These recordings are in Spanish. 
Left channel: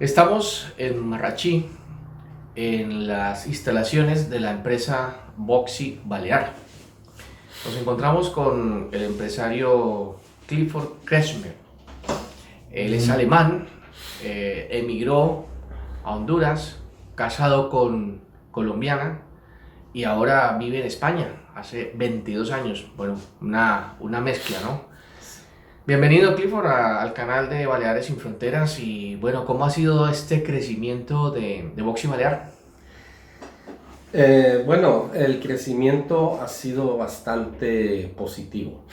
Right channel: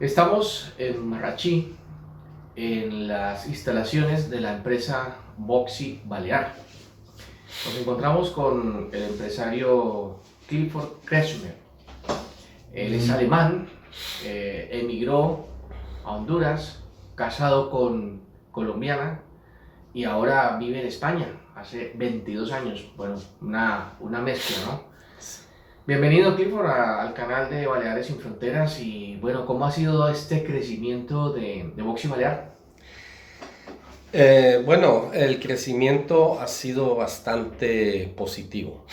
Estamos en Marrachí, en las instalaciones de la empresa Boxy Balear. Nos encontramos con el empresario Clifford Kretschmer. Él es alemán, emigró a Honduras, casado con colombiana y ahora vive en España hace 22 años. Bueno, una mezcla, ¿no? Bienvenido Clifford al canal de Baleares sin Fronteras y bueno, ¿cómo ha sido este crecimiento de Boxy Balear? Bueno, el crecimiento ha sido bastante positivo.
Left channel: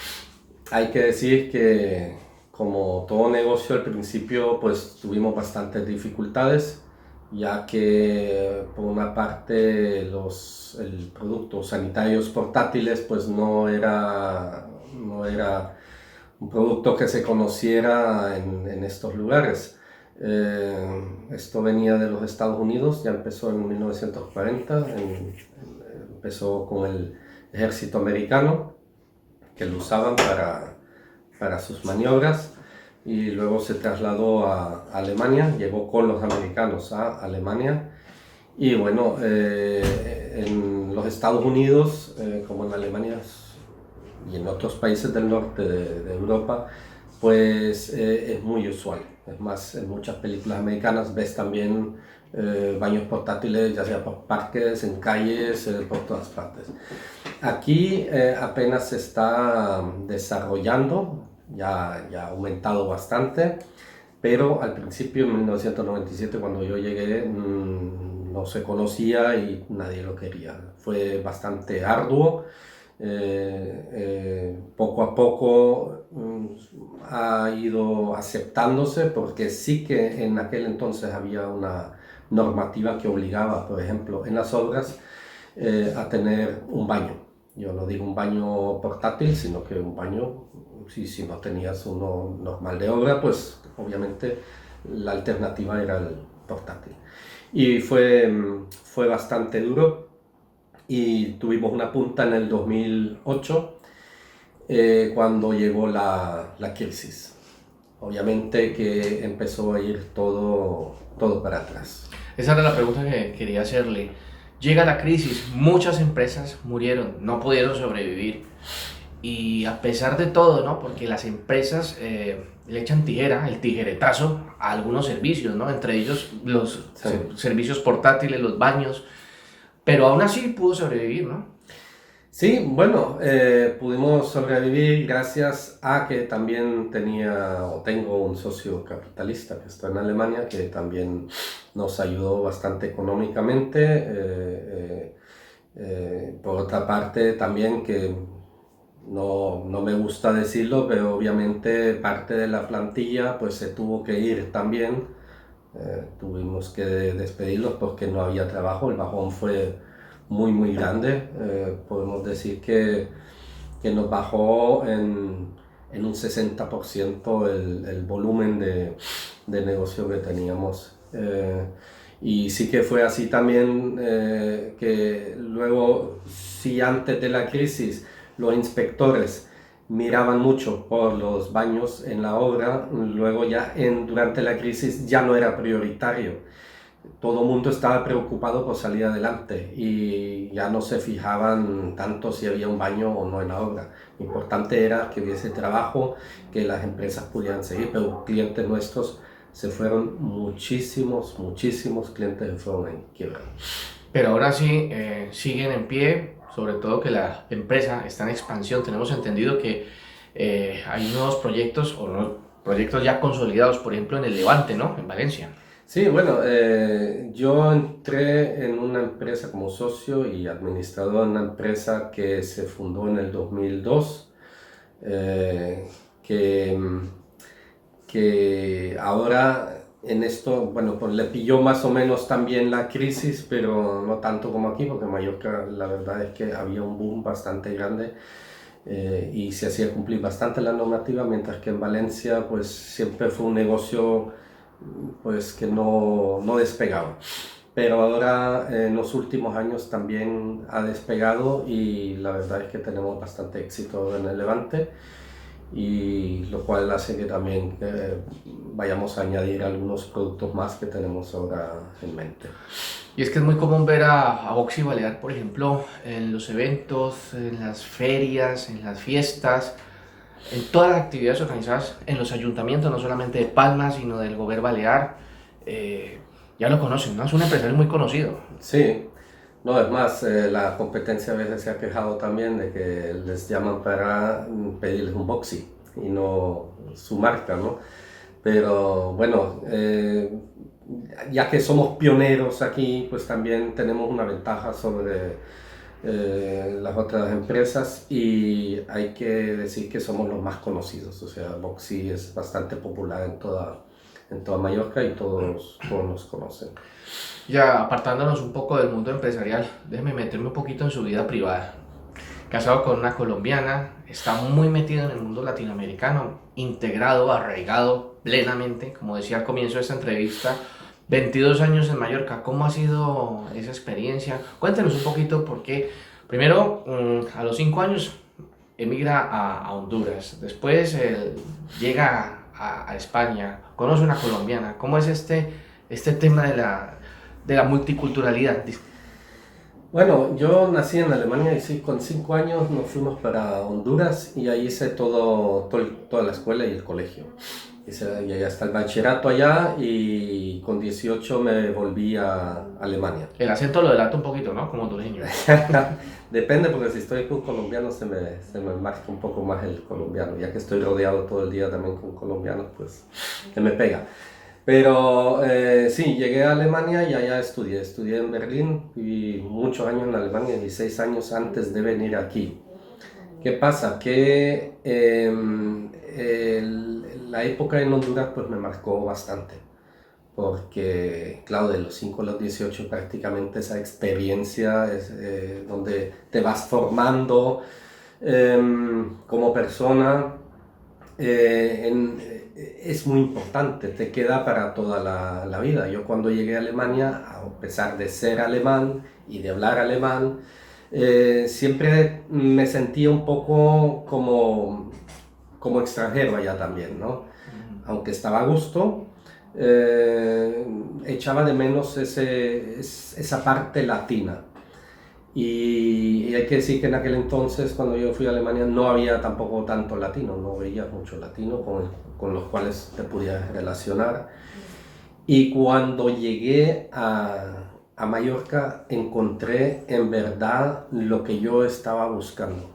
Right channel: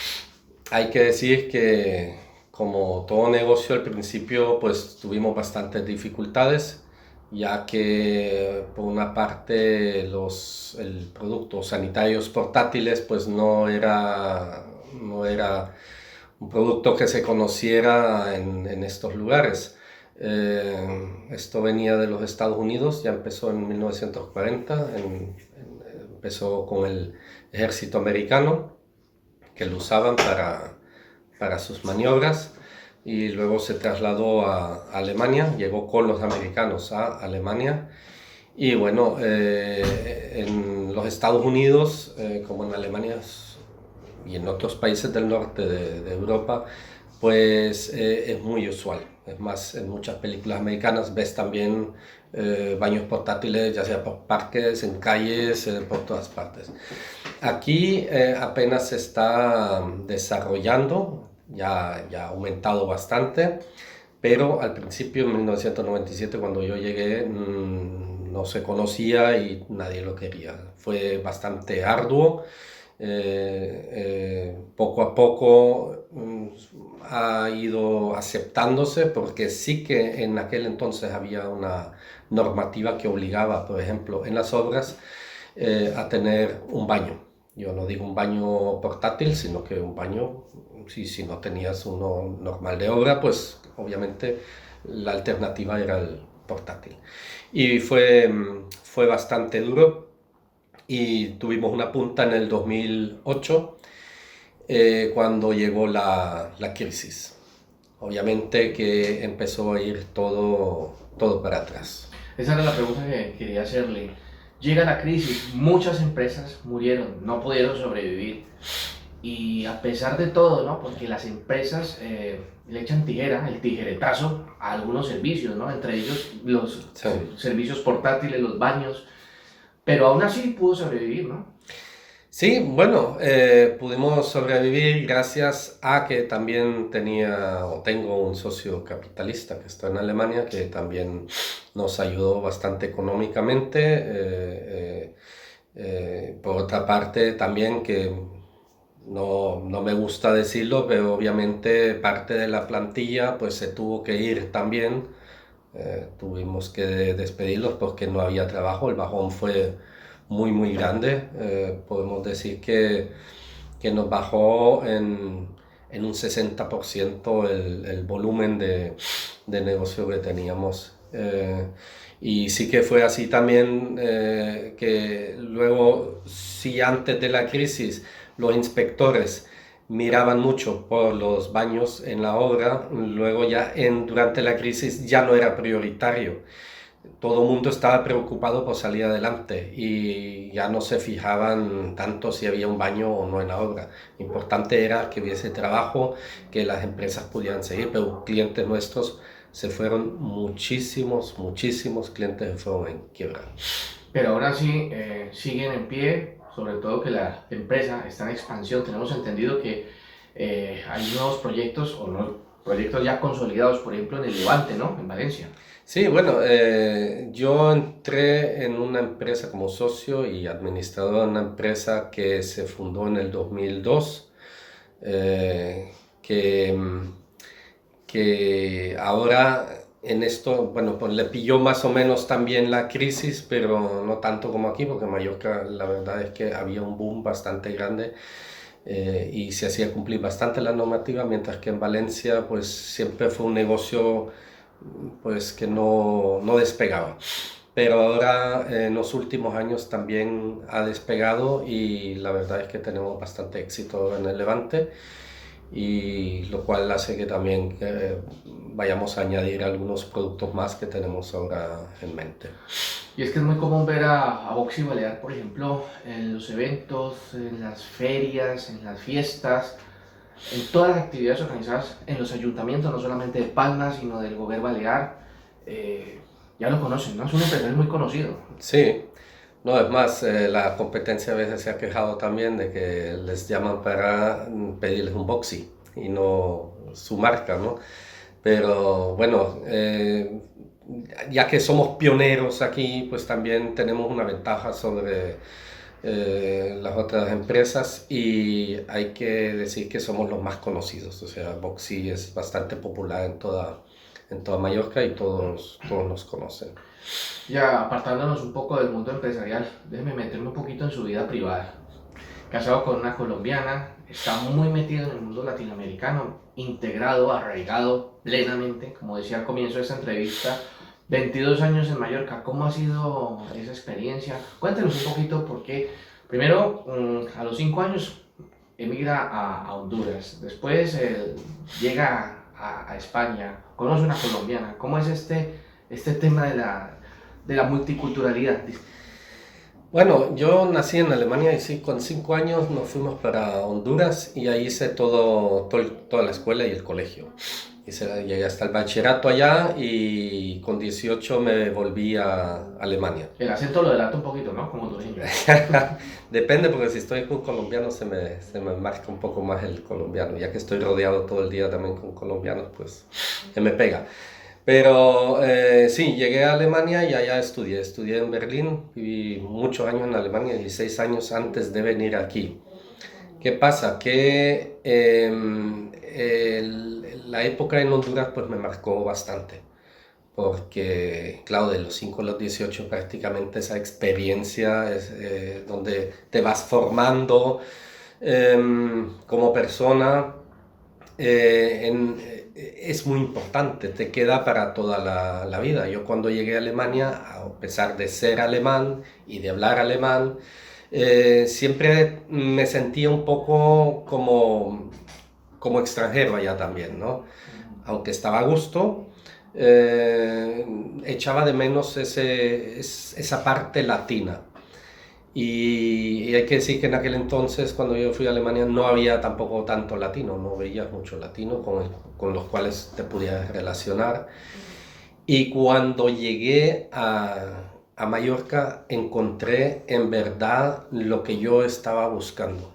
Hay que decir que, como todo negocio al principio, pues tuvimos bastantes dificultades, ya que por una parte el producto sanitarios portátiles pues no era un producto que se conociera en estos lugares. Esto venía de los Estados Unidos, ya empezó en 1940, empezó con el ejército americano, que lo usaban para sus maniobras, y luego se trasladó a Alemania, llegó con los americanos a Alemania, y bueno, en los Estados Unidos, como en Alemania y en otros países del norte de Europa, pues es muy usual. Es más, en muchas películas americanas ves también baños portátiles, ya sea por parques, en calles, por todas partes. Aquí apenas se está desarrollando, ya ha aumentado bastante, pero al principio, en 1997, cuando yo llegué, no se conocía y nadie lo quería. Fue bastante arduo. Poco a poco ha ido aceptándose, porque sí que en aquel entonces había una normativa que obligaba, por ejemplo, en las obras a tener un baño. Yo no digo un baño portátil, sino que un baño, si no tenías uno normal de obra, pues obviamente la alternativa era el portátil. Y fue bastante duro, y tuvimos una punta en el 2008, cuando llegó la crisis. Obviamente que empezó a ir todo para atrás. Esa era la pregunta que quería hacerle. Llega la crisis, muchas empresas murieron, no pudieron sobrevivir. Y a pesar de todo, ¿no? Porque las empresas le echan tijera, el tijeretazo, a algunos servicios, ¿no? Entre ellos los Sí. servicios portátiles, los baños. Pero aún así pudo sobrevivir, ¿no? Sí, bueno, pudimos sobrevivir gracias a que también tengo un socio capitalista que está en Alemania, que también nos ayudó bastante económicamente. Por otra parte, también, que no me gusta decirlo, pero obviamente parte de la plantilla pues se tuvo que ir también. Tuvimos que despedirlos porque no había trabajo. El bajón fue muy grande. Podemos decir que nos bajó en un 60% el volumen de negocio que teníamos. Y sí que fue así también, que luego, si antes de la crisis los inspectores miraban mucho por los baños en la obra, luego ya durante la crisis ya no era prioritario. Todo el mundo estaba preocupado por salir adelante y ya no se fijaban tanto si había un baño o no en la obra. Lo importante era que hubiese trabajo, que las empresas pudieran seguir, pero clientes nuestros se fueron, muchísimos clientes se fueron en quiebra. Pero ahora sí siguen en pie, sobre todo que la empresa está en expansión. Tenemos entendido que hay nuevos proyectos o no, proyectos ya consolidados, por ejemplo en el Levante, ¿no? En Valencia. Sí, bueno, yo entré en una empresa como socio y administrador de una empresa que se fundó en el 2002, eh, que, que ahora en esto, bueno, pues le pilló más o menos también la crisis, pero no tanto como aquí, porque en Mallorca la verdad es que había un boom bastante grande, y se hacía cumplir bastante la normativa, mientras que en Valencia pues siempre fue un negocio pues que no despegaba. Pero ahora en los últimos años también ha despegado, y la verdad es que tenemos bastante éxito en el Levante, y lo cual hace que también vayamos a añadir algunos productos más que tenemos ahora en mente. Y es que es muy común ver a Boxy Balear, por ejemplo, en los eventos, en las ferias, en las fiestas, en todas las actividades organizadas en los ayuntamientos, no solamente de Palma, sino del Gobierno Balear. Ya lo conocen, ¿no? Es un empresario muy conocido. Sí, no, es más, la competencia a veces se ha quejado también de que les llaman para pedirles un Boxy y no su marca, ¿no? Pero bueno, ya que somos pioneros aquí, pues también tenemos una ventaja sobre las otras empresas y hay que decir que somos los más conocidos. O sea, Boxy es bastante popular en toda Mallorca y todos nos conocen. Ya apartándonos un poco del mundo empresarial, déjeme meterme un poquito en su vida privada. Casado con una colombiana, está muy metido en el mundo latinoamericano, integrado, arraigado plenamente, como decía al comienzo de esta entrevista, 22 años en Mallorca. ¿Cómo ha sido esa experiencia? Cuéntenos un poquito porque primero a los 5 años emigra a Honduras, después llega a España, conoce una colombiana. ¿Cómo es este tema de la multiculturalidad? Bueno, yo nací en Alemania y sí, con 5 años nos fuimos para Honduras y ahí hice toda la escuela y el colegio. Llegué hasta el bachillerato allá y con 18 me volví a Alemania. El acento lo delata un poquito, ¿no? Como hondureño. Depende, porque si estoy con colombianos se me marca un poco más el colombiano. Ya que estoy rodeado todo el día también con colombianos, pues se me pega. Pero sí, llegué a Alemania y allá estudié en Berlín, viví muchos años en Alemania, 16 años antes de venir aquí. ¿Qué pasa? Que la época en Honduras pues me marcó bastante, porque claro, de los 5 a los 18 prácticamente esa experiencia es donde te vas formando como persona. Es muy importante, te queda para toda la vida. Yo cuando llegué a Alemania, a pesar de ser alemán y de hablar alemán, siempre me sentía un poco como extranjero allá también, ¿no? Aunque estaba a gusto, echaba de menos esa parte latina. Y hay que decir que en aquel entonces, cuando yo fui a Alemania, no había tampoco tanto latino, no veía mucho latino con los cuales te pudieras relacionar. Y cuando llegué a Mallorca, encontré en verdad lo que yo estaba buscando.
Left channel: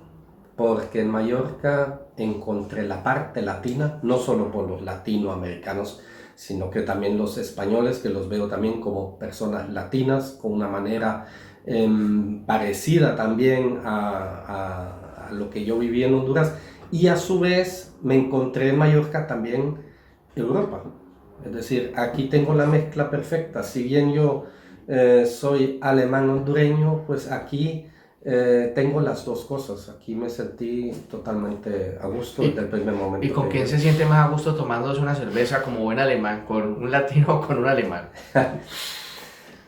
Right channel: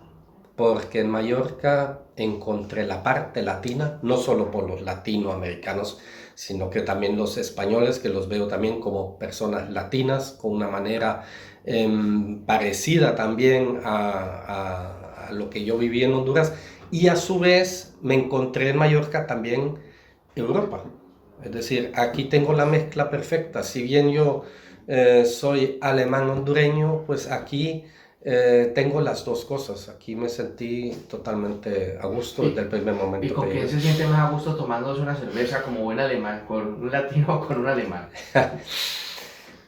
Porque en Mallorca encontré la parte latina, no solo por los latinoamericanos, sino que también los españoles, que los veo también como personas latinas, con una manera parecida también a lo que yo viví en Honduras, y a su vez me encontré en Mallorca también Europa. Es decir, aquí tengo la mezcla perfecta. Si bien yo soy alemán hondureño, pues aquí tengo las dos cosas. Aquí me sentí totalmente a gusto desde el primer momento. ¿Y con quién se siente más a gusto tomándose una cerveza como buen alemán? ¿Con un latino o con un alemán?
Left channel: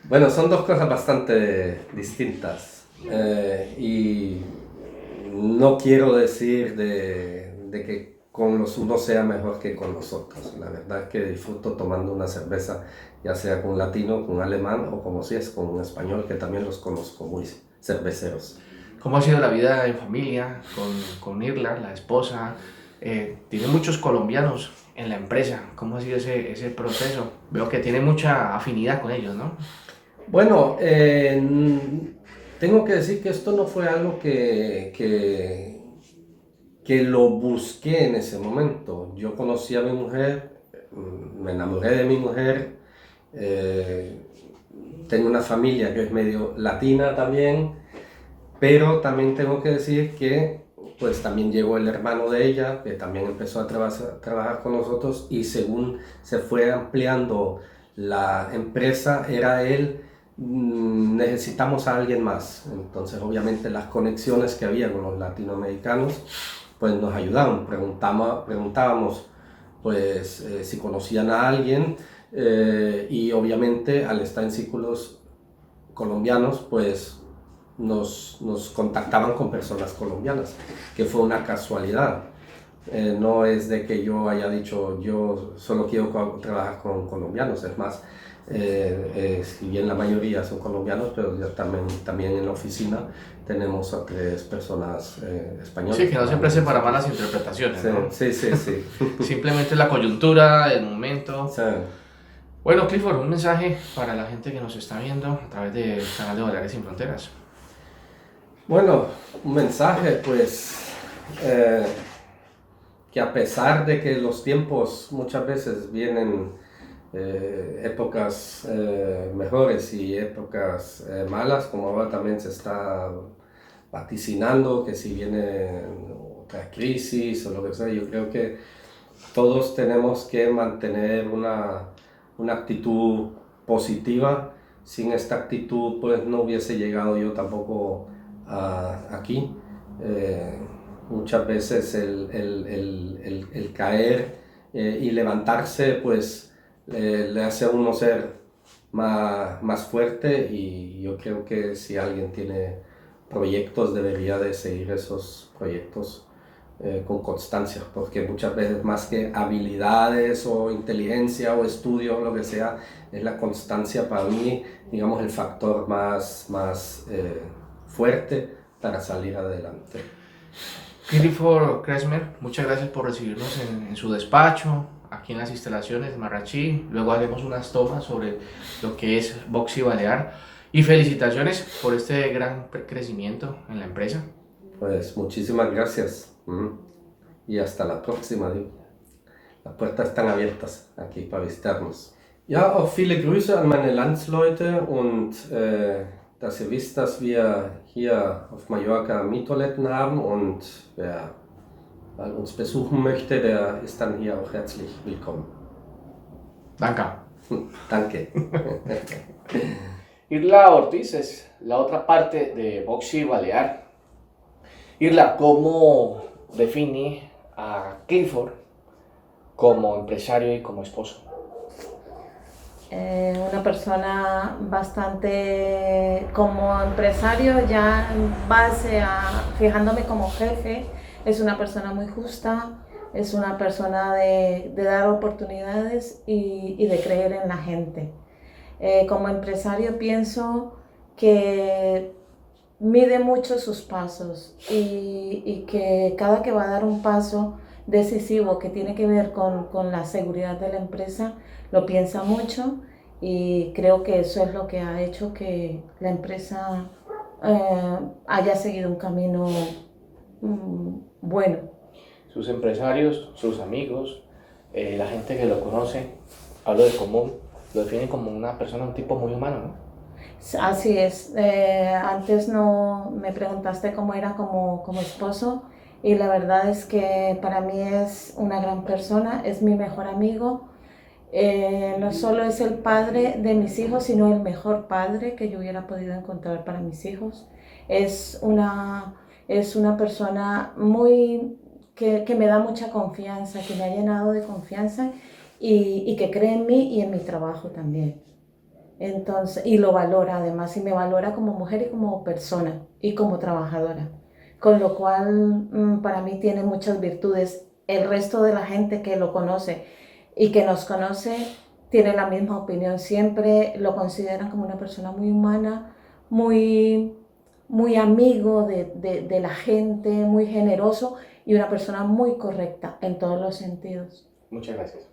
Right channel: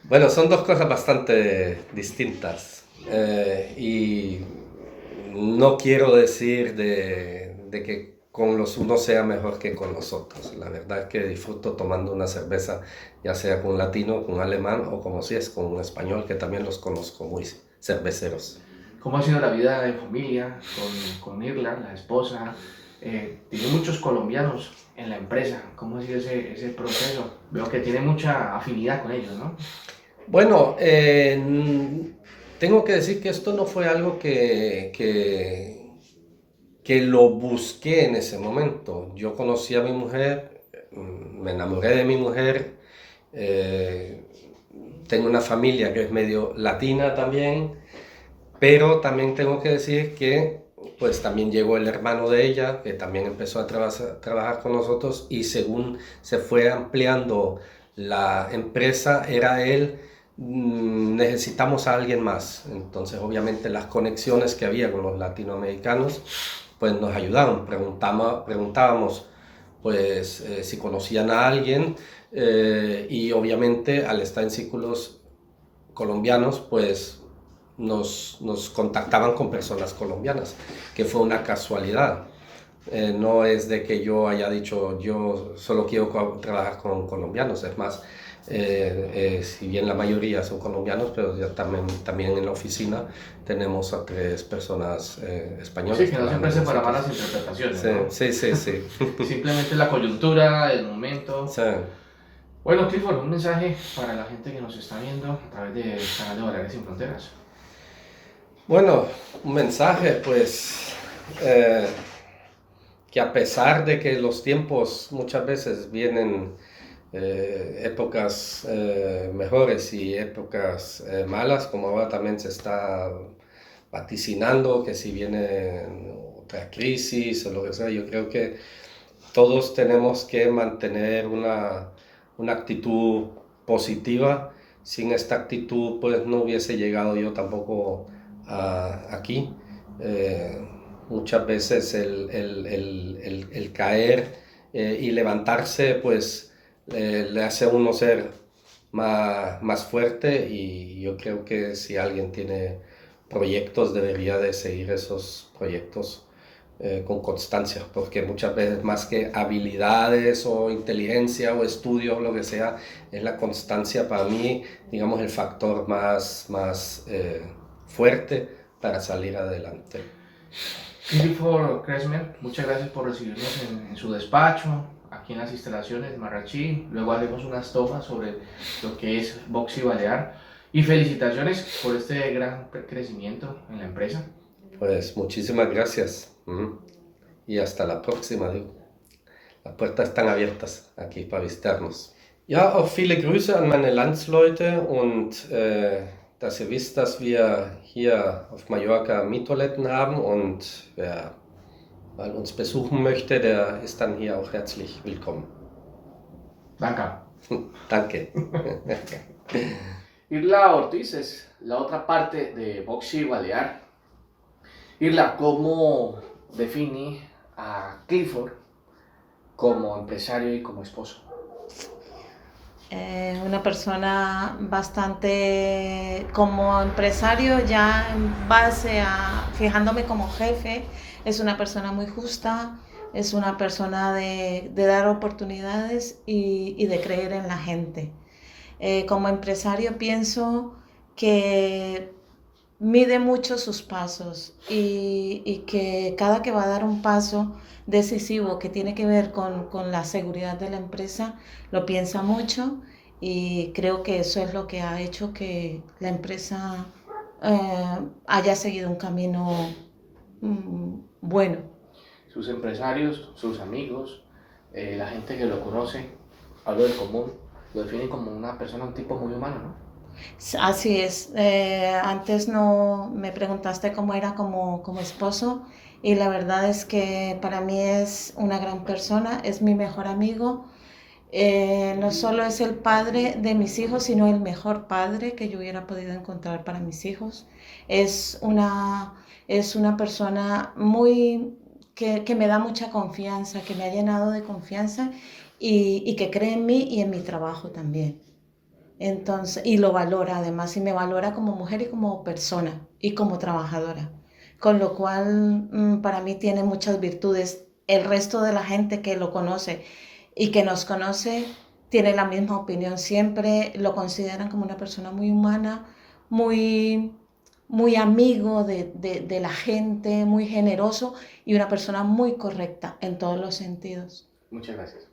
Bueno, son dos cosas bastante distintas y no quiero decir de que con los unos sea mejor que con los otros. La verdad es que disfruto tomando una cerveza, ya sea con un latino, con un alemán o como si es con un español, que también los conozco muy cerveceros. ¿Cómo ha sido la vida en familia con Irla, la esposa? Tiene muchos colombianos en la empresa. ¿Cómo ha sido ese proceso? Veo que tiene mucha afinidad con ellos, ¿no? Bueno, tengo que decir que esto no fue algo que lo busqué en ese momento. Yo conocí a mi mujer, me enamoré de mi mujer, tengo una familia que es medio latina también, pero también tengo que decir que pues también llegó el hermano de ella, que también empezó a trabajar con nosotros y según se fue ampliando la empresa, era él, necesitamos a alguien más. Entonces obviamente las conexiones que había con los latinoamericanos pues nos ayudaban, preguntábamos pues si conocían a alguien y obviamente al estar en círculos colombianos pues nos contactaban con personas colombianas, que fue una casualidad, No es de que yo haya dicho yo solo quiero trabajar con colombianos, es más, si bien la mayoría son colombianos, pero ya también en la oficina tenemos a 3 personas españolas. Sí, que no siempre se para malas interpretaciones, Sí, ¿no? sí, sí, sí. Simplemente la coyuntura, el momento. Sí. Bueno, Clifford, un mensaje para la gente que nos está viendo a través del canal de Baleares Sin Fronteras. Bueno, un mensaje, pues, que a pesar de que los tiempos muchas veces vienen épocas mejores y épocas malas, como ahora también se está vaticinando que si viene otra crisis o lo que sea, yo creo que todos tenemos que mantener una actitud positiva. Sin esta actitud, pues no hubiese llegado yo tampoco aquí. Eh, Muchas veces el caer y levantarse, pues le hace a uno ser más fuerte, y yo creo que si alguien tiene proyectos debería de seguir esos proyectos con constancia, porque muchas veces más que habilidades o inteligencia o estudio o lo que sea, es la constancia para mí, digamos, el factor más fuerte para salir adelante. Clifford Kresmer, muchas gracias por recibirnos en su despacho, aquí en las instalaciones de Marrachí. Luego haremos unas tomas sobre lo que es Boxy Balear. Y felicitaciones por este gran crecimiento en la empresa. Pues muchísimas gracias. Y hasta la próxima, digo. Las puertas están abiertas aquí para visitarnos. Ja, auch viele Grüße an meine Landsleute und dass ihr wisst, dass wir hier auf Mallorca Miettoiletten haben, und wer mal uns besuchen möchte, der ist dann hier auch herzlich willkommen. Danke. Danke. Irla Ortiz es la otra parte de Boxy Balear. Irla, ¿cómo define a Clifford como empresario y como esposo? Una persona bastante, como empresario, ya en base a fijándome como jefe, es una persona muy justa, es una persona de dar oportunidades y de creer en la gente. Como empresario pienso que mide mucho sus pasos y que cada que va a dar un paso decisivo que tiene que ver con la seguridad de la empresa, lo piensa mucho, y creo que eso es lo que ha hecho que la empresa haya seguido un camino bueno. Sus empresarios, sus amigos, la gente que lo conoce, hablo de común, lo definen como una persona, un tipo muy humano, ¿no? Así es. Antes no me preguntaste cómo era como esposo, y la verdad es que para mí es una gran persona, es mi mejor amigo. No solo es el padre de mis hijos, sino el mejor padre que yo hubiera podido encontrar para mis hijos. Es una persona que me da mucha confianza, que me ha llenado de confianza, y que cree en mí y en mi trabajo también. Entonces, y lo valora además, y me valora como mujer y como persona y como trabajadora. Con lo cual, para mí tiene muchas virtudes. El resto de la gente que lo conoce y que nos conoce tiene la misma opinión. Siempre lo consideran como una persona muy humana, muy, muy amigo de la gente, muy generoso y una persona muy correcta en todos los sentidos. Muchas gracias.